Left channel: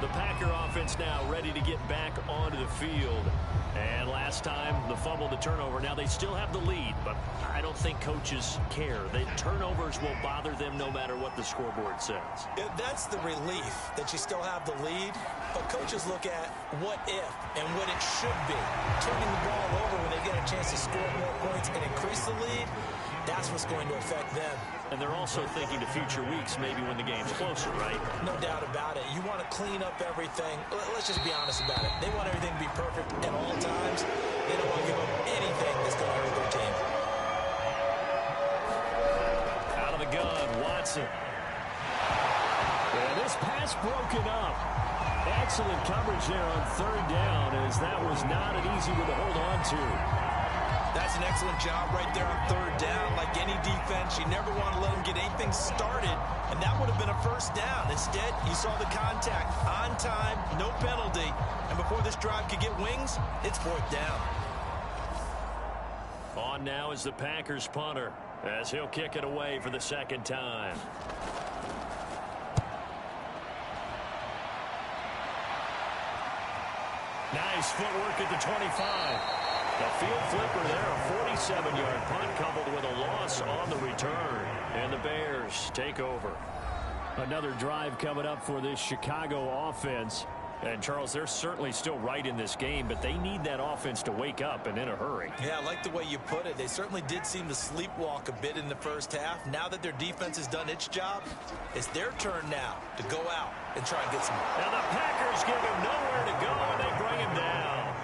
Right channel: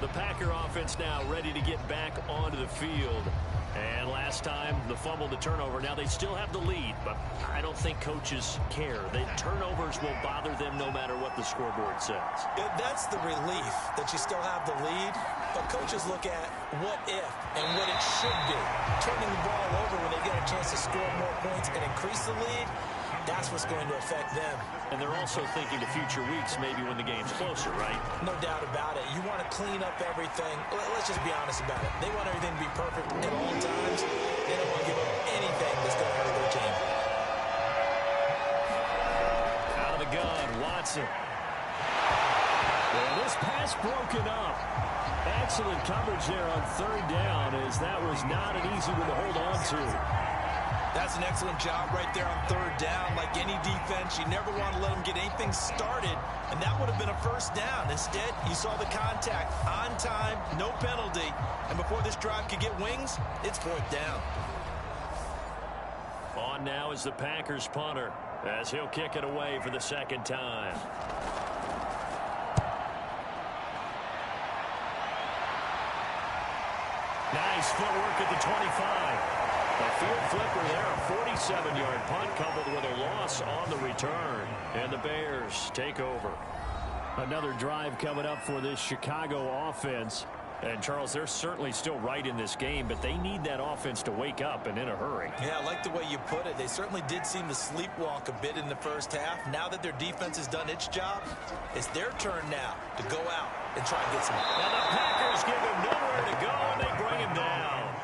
The Packer offense now ready to get back onto the field. And last time, the fumble to turnover. Now, they still have the lead, but I don't think coaches care. The turnovers will bother them no matter what the scoreboard says. Yeah, that's the relief that you still have the lead. But coaches look at what if and what it should be. Turning the ball over when they get a chance to score more points and increase the lead, that's what's going to affect them. And they're also thinking to future weeks, maybe when the game's closer, right? No doubt about it. You want to clean up everything. Let's just be honest about it. They want everything to be perfect at all times. They don't want to give up anything that's going to hurt their team. Out of the gun, Watson. And this pass broken up. Excellent coverage there on third down, as that was not an easy one to hold on to. That's an excellent job right there on third down. Like any defense, you never want to let them get anything started, and that would have been a first down. Instead, you saw the contact on time, no penalty, and before this drive could get wings, it's fourth down. On now is the Packers punter, as he'll kick it away for the second time. Nice footwork at the 25. The field flipper there, a 47-yard punt coupled with a loss on the return. And the Bears take over. Another drive coming up for this Chicago offense. And, Charles, they're certainly still right in this game, but they need that offense to wake up and in a hurry. Yeah, I like the way you put it. They certainly did seem to sleepwalk a bit in the first half. Now that their defense has done its job, it's their turn now to go out and try and get some. Now the Packers give him nowhere to go, and they bring him down.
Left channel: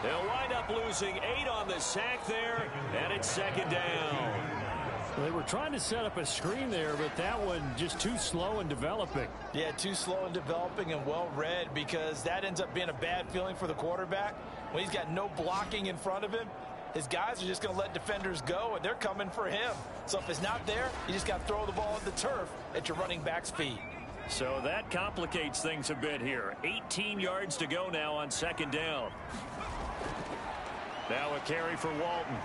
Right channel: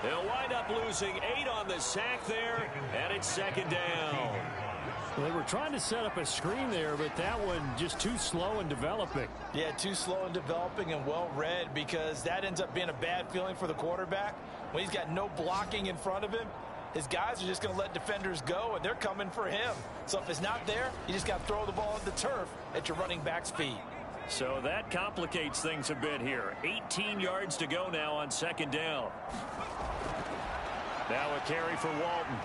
They'll wind up losing 8 on the sack there, and it's second down. Well, they were trying to set up a screen there, but that one just too slow in developing. Yeah, too slow in developing and well read, because that ends up being a bad feeling for the quarterback. When he's got no blocking in front of him, his guys are just going to let defenders go, and they're coming for him. So if it's not there, you just got to throw the ball at the turf at your running back's feet. So that complicates things a bit here. 18 yards to go now on second down. Now a carry for Walton.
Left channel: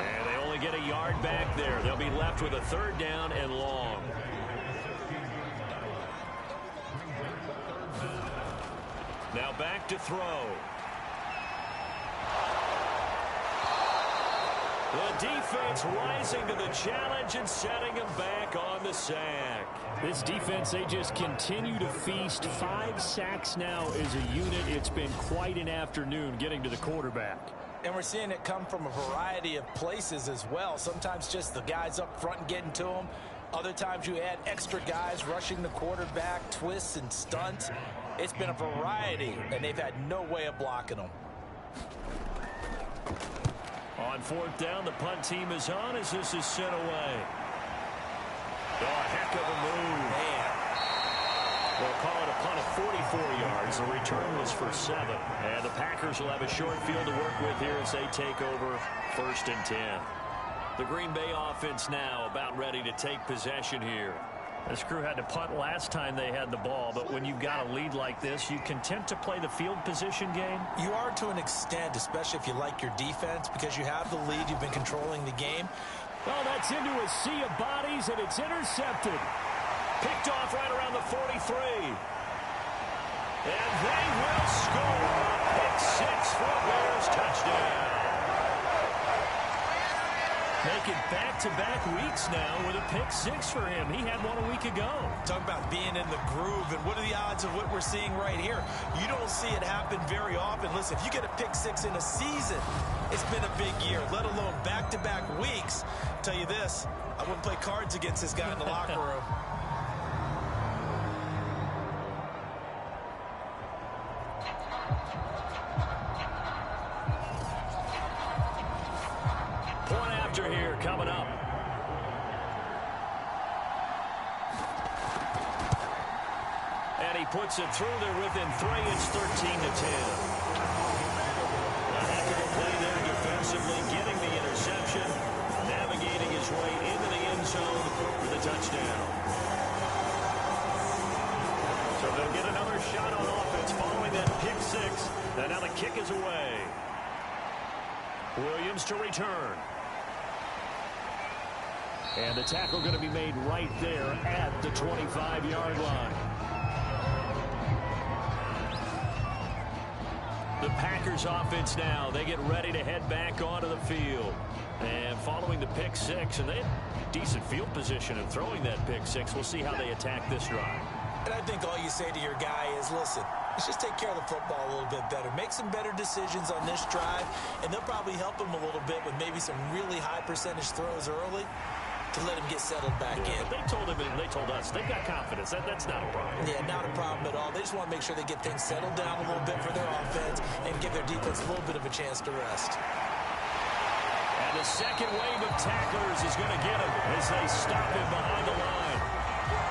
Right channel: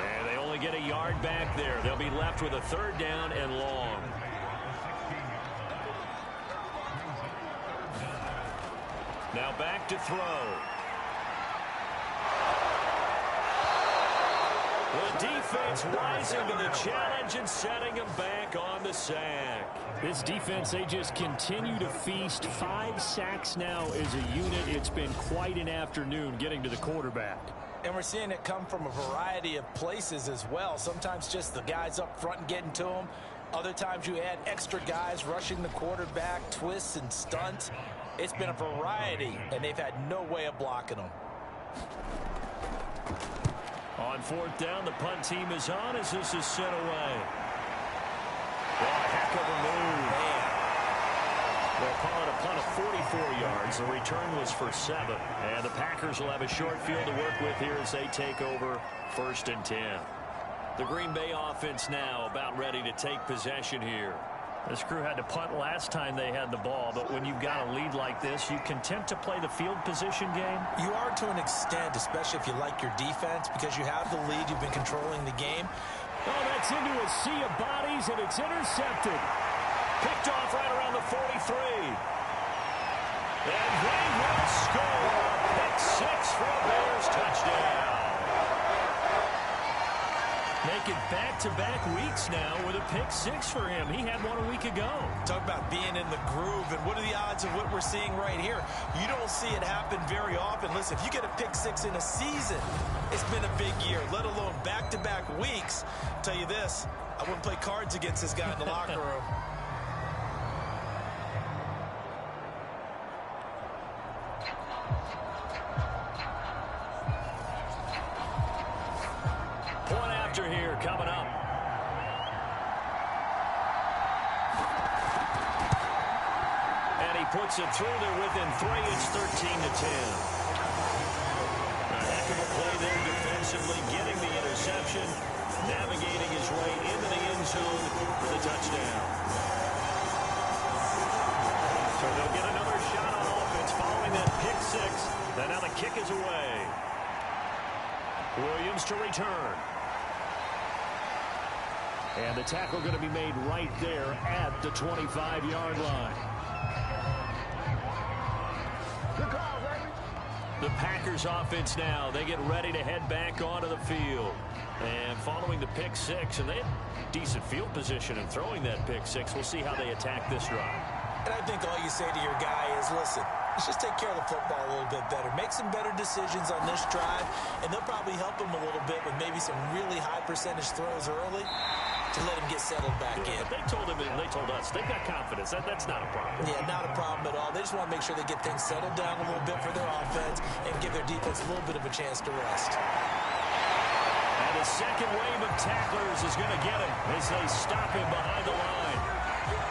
And they only get a yard back there. They'll be left with a third down and long. Now back to throw. The defense rising to the challenge and setting him back on the sack. This defense, they just continue to feast. 5 sacks now as a unit. It's been quite an afternoon getting to the quarterback. And we're seeing it come from a variety of places as well. Sometimes just the guys up front and getting to them. Other times you add extra guys rushing the quarterback, twists and stunts. It's been a variety, and they've had no way of blocking them. On fourth down, the punt team is on as this is sent away. Oh, a heck of a move. Man. We'll call it a punt of 44 yards. The return was for 7. And the Packers will have a short field to work with here as they take over first and 10. The Green Bay offense now about ready to take possession here. This crew had to punt last time they had the ball, but when you've got a lead like this, you content to play the field position game? You are to an extent, especially if you like your defense, because you have the lead, you've been controlling the game. Oh, that's into a sea of bodies, and it's intercepted. Picked off right around the 43. And they will score a pick 6 for a Bears touchdown. Making back-to-back weeks now with a pick 6 for him. He had one a week ago. Talk about being in the groove, and what are the odds of what we're seeing right here? You don't see it happen very often. Listen, if you get a pick 6 in a season, it's been a big year, let alone back-to-back weeks. I'll tell you this, I wouldn't play cards against this guy in the locker room. Point after here coming up. And he puts it through there within 3. It's 13-10. A heck of a play there defensively, getting the interception, navigating his way into the end zone for the touchdown. So they'll get another shot on offense following that pick 6. And now the kick is away. Williams to return. And the tackle going to be made right there at the 25-yard line. The Packers offense now, they get ready to head back onto the field. And following the pick six, and they had decent field position in throwing that pick six. We'll see how they attack this drive. And I think all you say to your guy is, listen, let's just take care of the football a little bit better. Make some better decisions on this drive, and they'll probably help him a little bit with maybe some really high percentage throws early to let him get settled back in. But they told him and they told us they've got confidence. That's not a problem. Yeah, not a problem at all. They just want to make sure they get things settled down a little bit for their offense and give their defense a little bit of a chance to rest. And the second wave of tacklers is going to get him as they stop him behind the line.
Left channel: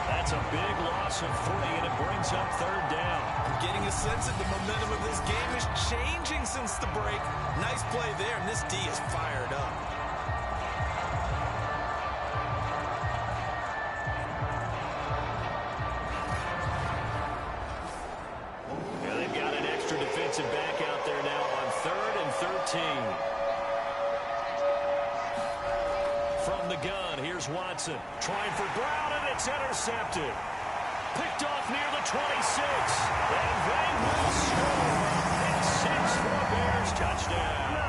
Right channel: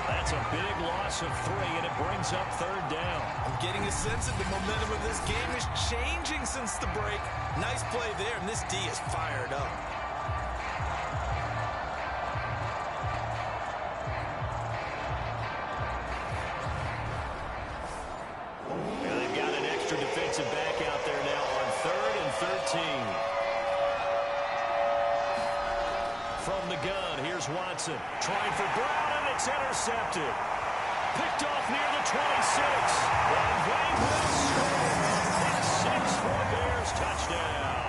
That's a big loss of 3, and it brings up third down. I'm getting a sense that the momentum of this game is changing since the break. Nice play there, and this D is fired up. Yeah, they've got an extra defensive back out there now on 3rd and 13. From the gun, here's Watson. Trying for Brown, and it's intercepted. Picked off near the 26. And they will score. Pick 6 for Bears. Touchdown.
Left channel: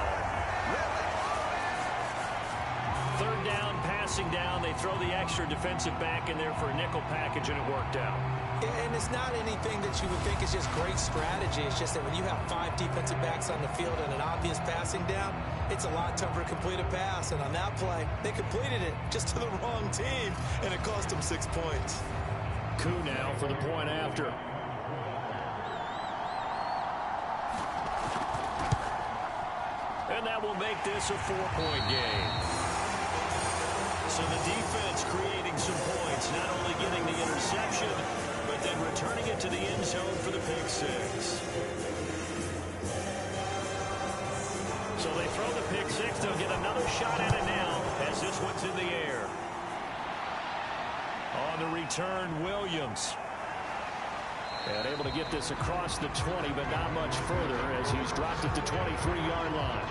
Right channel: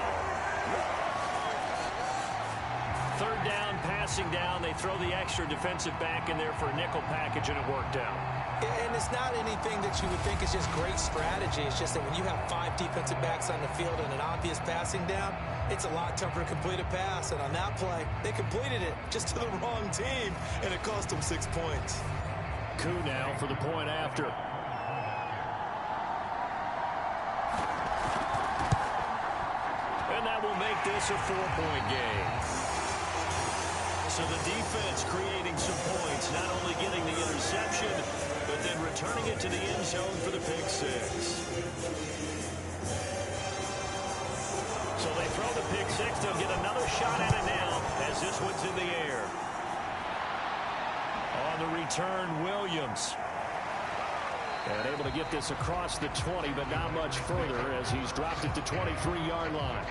Third down, passing down. They throw the extra defensive back in there for a nickel package, and it worked out. And it's not anything that you would think is just great strategy. It's just that when you have 5 defensive backs on the field and an obvious passing down, it's a lot tougher to complete a pass. And on that play, they completed it just to the wrong team, and it cost them 6 points. Coup now for the point after. And that will make this a 4-point game. So the defense creating some points, not only getting the interception, but then returning it to the end zone for the pick 6. So they throw the pick 6. They'll get another shot at it now as this one's in the air. On the return, Williams. And able to get this across the 20, but not much further as he's dropped at the 23-yard line.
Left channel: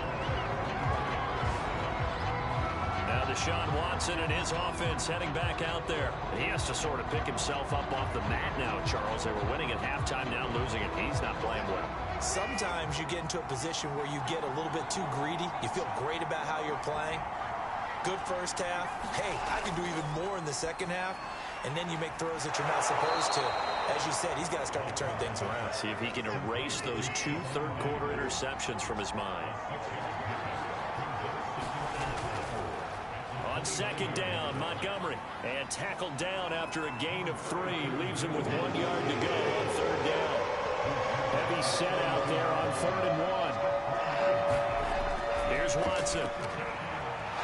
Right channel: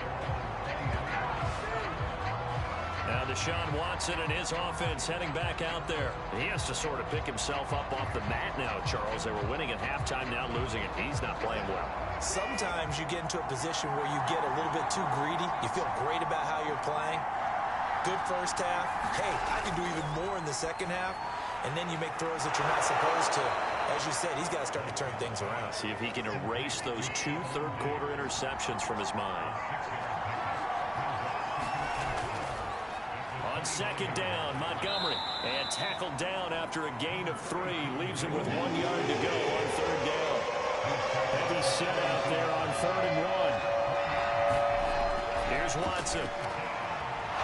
Now Deshaun Watson and his offense heading back out there. He has to sort of pick himself up off the mat now, Charles. They were winning at halftime, now losing it. He's not playing well. Sometimes you get into a position where you get a little bit too greedy. You feel great about how you're playing. Good first half. Hey, I can do even more in the second half. And then you make throws that you're not supposed to. As you said, he's got to start to turn things around. See if he can erase those 2 third-quarter interceptions from his mind. On second down, Montgomery. And tackled down after a gain of 3. Leaves him with 1 yard to go on third down. Heavy set out there on 3rd and 1. Here's Watson.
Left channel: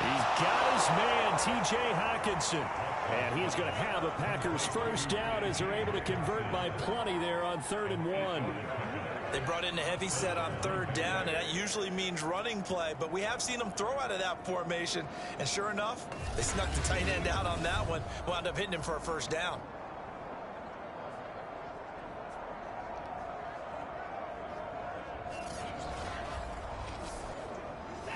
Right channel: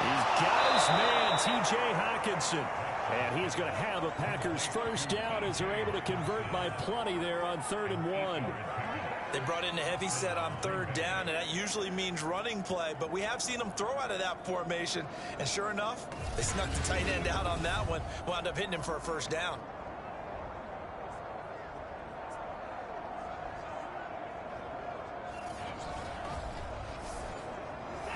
He's got his man, T.J. Hockenson. And he is going to have a Packers first down as they're able to convert by plenty there on 3rd and 1. They brought in a heavy set on third down, and that usually means running play. But we have seen them throw out of that formation. And sure enough, they snuck the tight end out on that one. Wound up hitting him for a first down.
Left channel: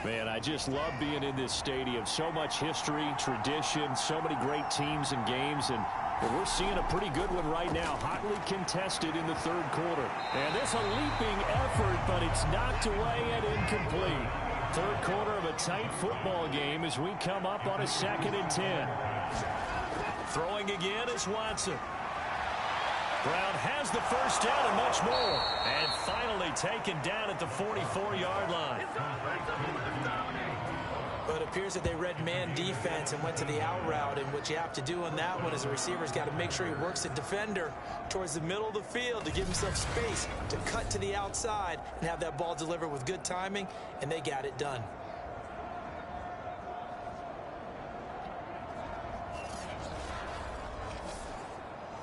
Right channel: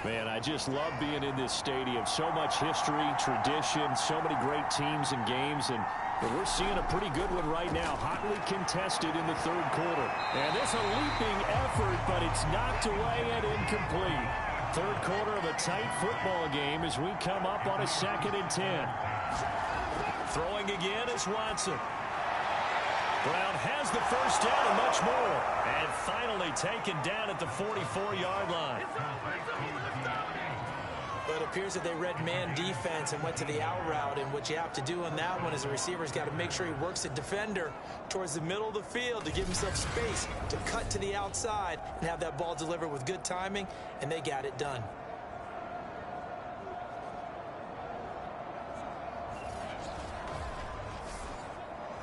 Man, I just love being in this stadium. So much history, tradition, so many great teams and games, and we're seeing a pretty good one right now. Hotly contested in the third quarter. And this a leaping effort, but it's knocked away and incomplete. Third quarter of a tight football game as we come up on a 2nd and 10. Throwing again is Watson. Brown has the first down and much more. And finally taken down at the 44-yard line. But it appears that they read man defense and went to the out route. And what you have to do on that one is the receiver's got to make sure he works the defender towards the middle of the field to give himself space to cut to the outside and have that ball delivered with good timing, and they got it done.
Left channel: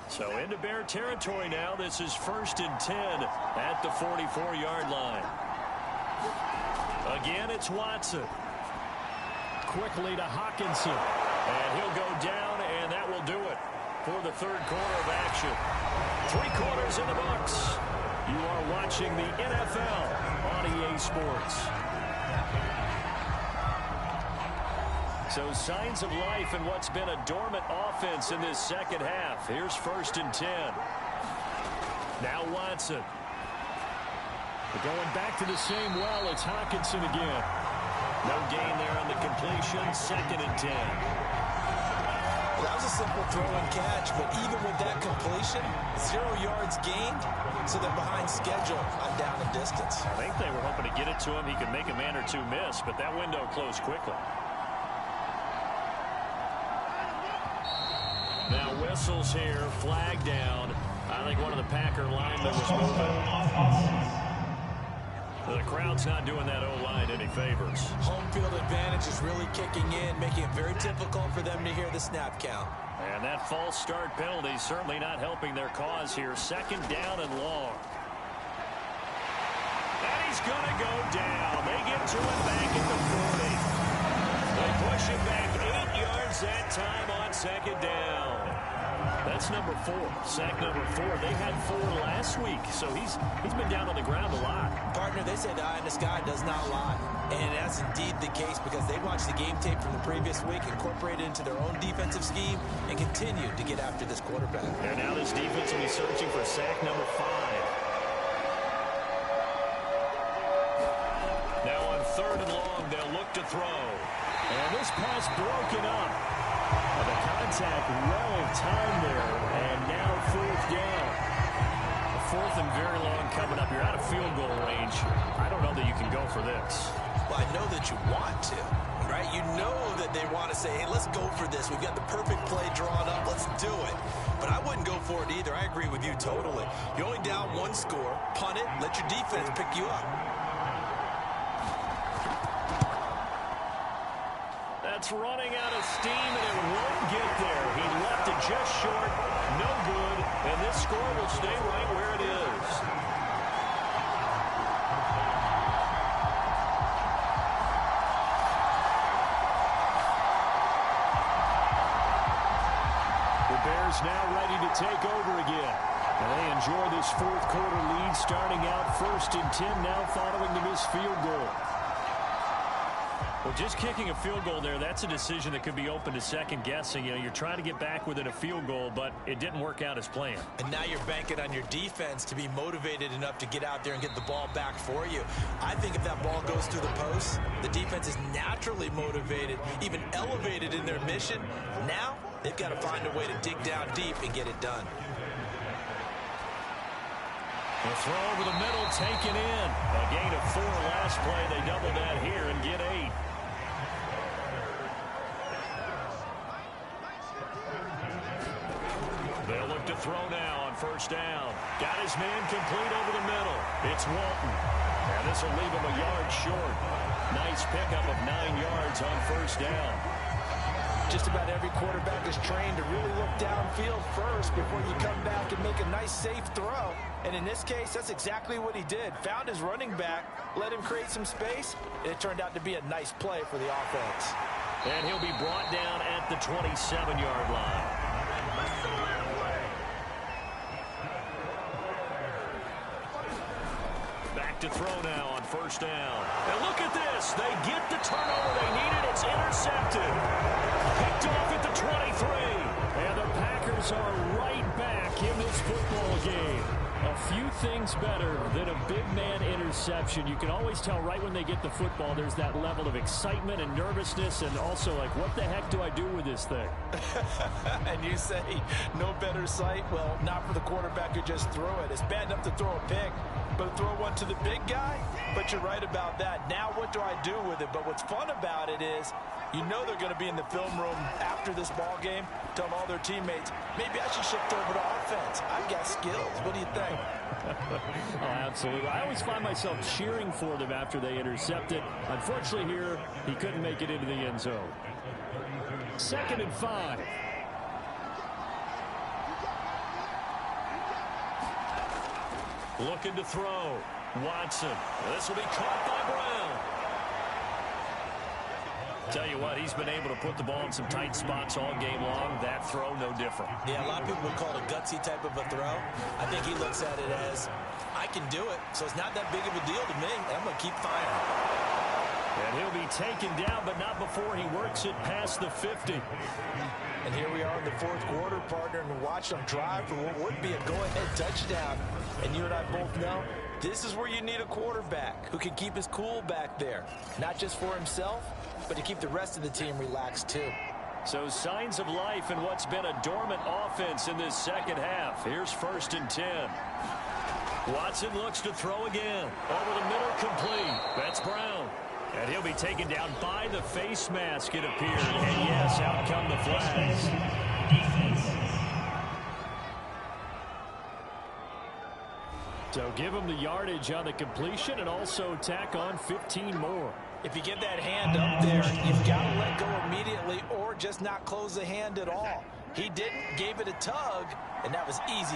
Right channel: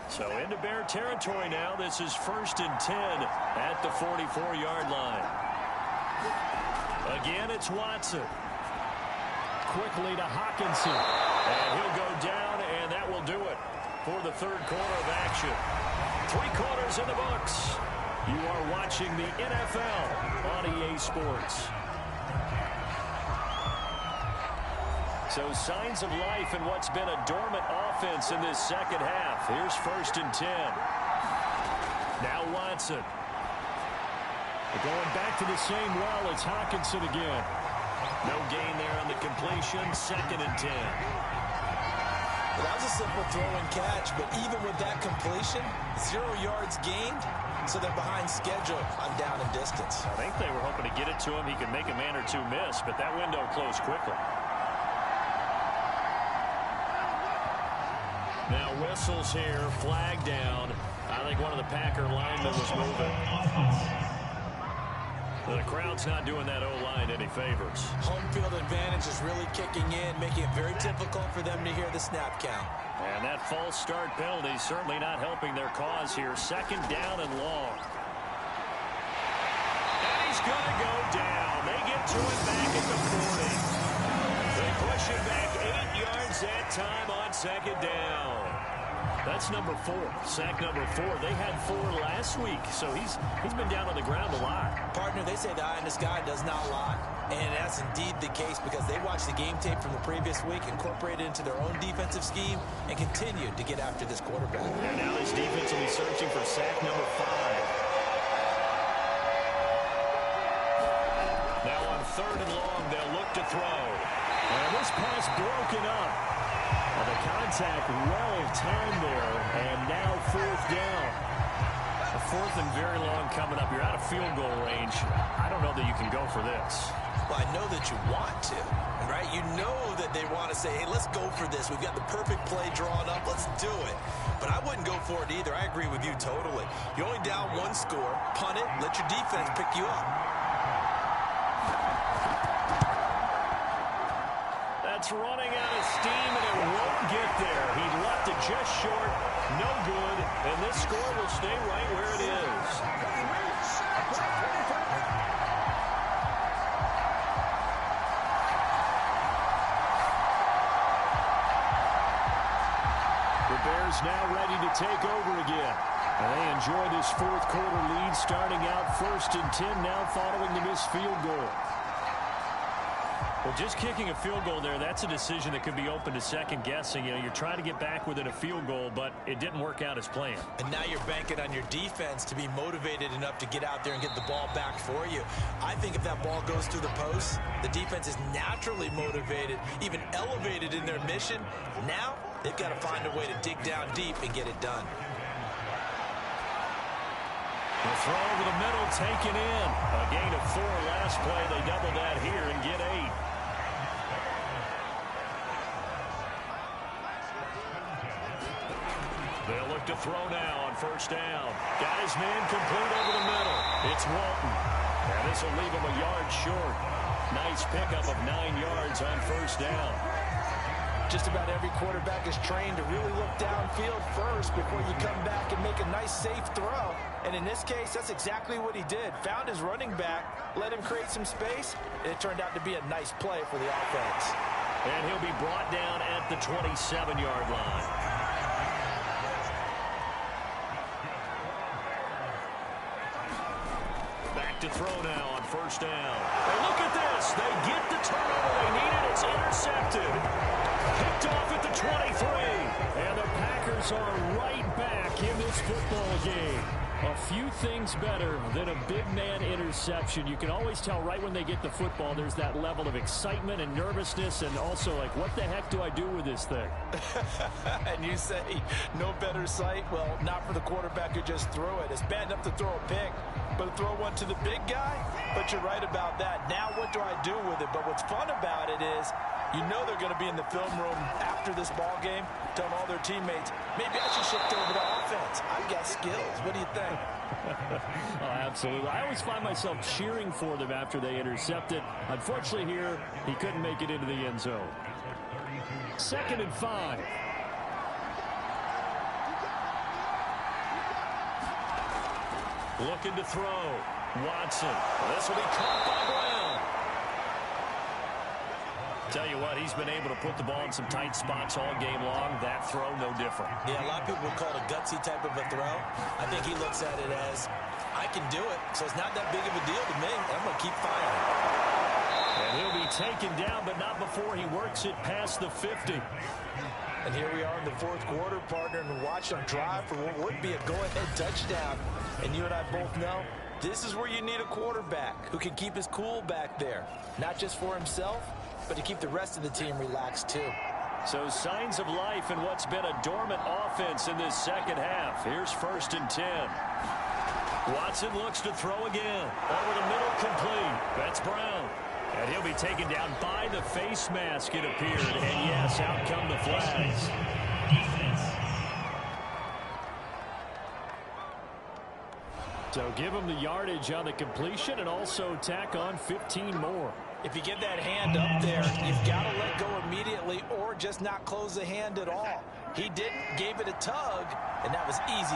So into Bear territory now. This is 1st and 10 at the 44-yard line. Again, it's Watson. Quickly to Hockenson. And he'll go down, and that will do it for the third quarter of action. 3 quarters in the books. You are watching the NFL on EA Sports. So signs of life in what's been a dormant offense in this second half. Here's 1st and 10. Now Watson. We're going back to the same well. It's Hockenson again. No gain there on the completion. 2nd and 10. Well, that was a simple throw and catch, but even with that completion, 0 yards gained, so they're behind schedule on down and distance. I think they were hoping to get it to him. He could make a man or two miss, but that window closed quickly. Now whistles here, flag down. I think one of the Packer linemen was moving. The crowd's not doing that O-line any favors. Home field advantage is really kicking in, making it very difficult for them to hear the snap count. And that false start penalty certainly not helping their cause here. 2nd down and long. And he's going to go down. They get to him back at the 40. They push him back 8 yards that time on 2nd down. That's number 4. Sack number 4. They had 4 last week, so he's been down on the ground a lot. Partner, they say the eye in the sky does not lie. And that's indeed the case because they watched the game tape from the previous week, incorporated it into their own defensive scheme, and continued to get after this quarterback. And now this defense will be searching for sack number 5. Now on 3rd and long, they'll look to throw. And this pass broken up. The contact well timed there, and now 4th down. A 4th and very long coming up. You're out of field goal range. I don't know that you can go for this. Well, I know that you want to, right? You know that they want to say, hey, let's go for this. We've got the perfect play drawn up. Let's do it. But I wouldn't go for it either. I agree with you totally. You're only down 1 score. Punt it. Let your defense pick you up. That's running out of steam, and it won't get there. He left it just short. No good. And this score will stay right where it is. The Bears now ready to take over again. And they enjoy this 4th quarter lead, starting out 1st and 10 now following the missed field goal. Well, just kicking a field goal there, that's a decision that could be open to second guessing. You know, you're trying to get back within a field goal, but it didn't work out as planned. And now you're banking on your defense to be motivated enough to get out there and get the ball back for you. I think if that ball goes through the post, the defense is naturally motivated, even elevated in their mission. Now they've got to find a way to dig down deep and get it done. The throw over the middle, taken in. A gain of 4 last play. They double that here and get 8. They'll look to throw now on 1st down. Got his man complete over the middle. It's Walton. And this will leave him a yard short. Nice pickup of 9 yards on 1st down. Just about every quarterback is trained to really look downfield first before you come back and make a nice, safe throw. And in this case, that's exactly what he did. Found his running back, let him create some space, and it turned out to be a nice play for the offense. And he'll be brought down at the 27-yard line. Back to throw now on 1st down. And look at this. They get the turnover they needed. It's intercepted. Picked off at the 23. And the Packers are right back in this football game. A few things better than a big man interception. You can always tell right when they get the football, there's that level of excitement and nervousness, and also like, what the heck do I do with this thing? And you say, no better sight? Well, not for the quarterback who just threw it. It's bad enough to throw a pick, but to throw one to the big guy? But you're right about that. Now what do I do with it? But what's fun about it is, you know they're going to be in the film room after this ball game, telling all their teammates, maybe I should shift over to offense. I've got skills. What do you think? Oh, absolutely. I always find myself cheering for them after they intercept it. Unfortunately here, he couldn't make it into the end zone. 2nd and 5. Looking to throw. Watson. This will be caught by Brown. Tell you what, he's been able to put the ball in some tight spots all game long. That throw, no different. Yeah, a lot of people would call it a gutsy type of a throw. I think he looks at it as, I can do it, so it's not that big of a deal to me, and I'm going to keep firing. And he'll be taken down, but not before he works it past the 50. And here we are in the fourth quarter, partner, and watch them drive for what would be a go-ahead touchdown. And you and I both know this is where you need a quarterback who can keep his cool back there, not just for himself, but to keep the rest of the team relaxed too. So signs of life in what's been a dormant offense in this second half. Here's 1st and 10. Watson looks to throw again. Over the middle, complete. That's Brown. And he'll be taken down by the face mask, it appeared. And yes, out come the flags. So give him the yardage on the completion and also tack on 15 more. If you get that hand up there, you've got to let go immediately or just not close the hand at all. He didn't, gave it a tug, and that was easy.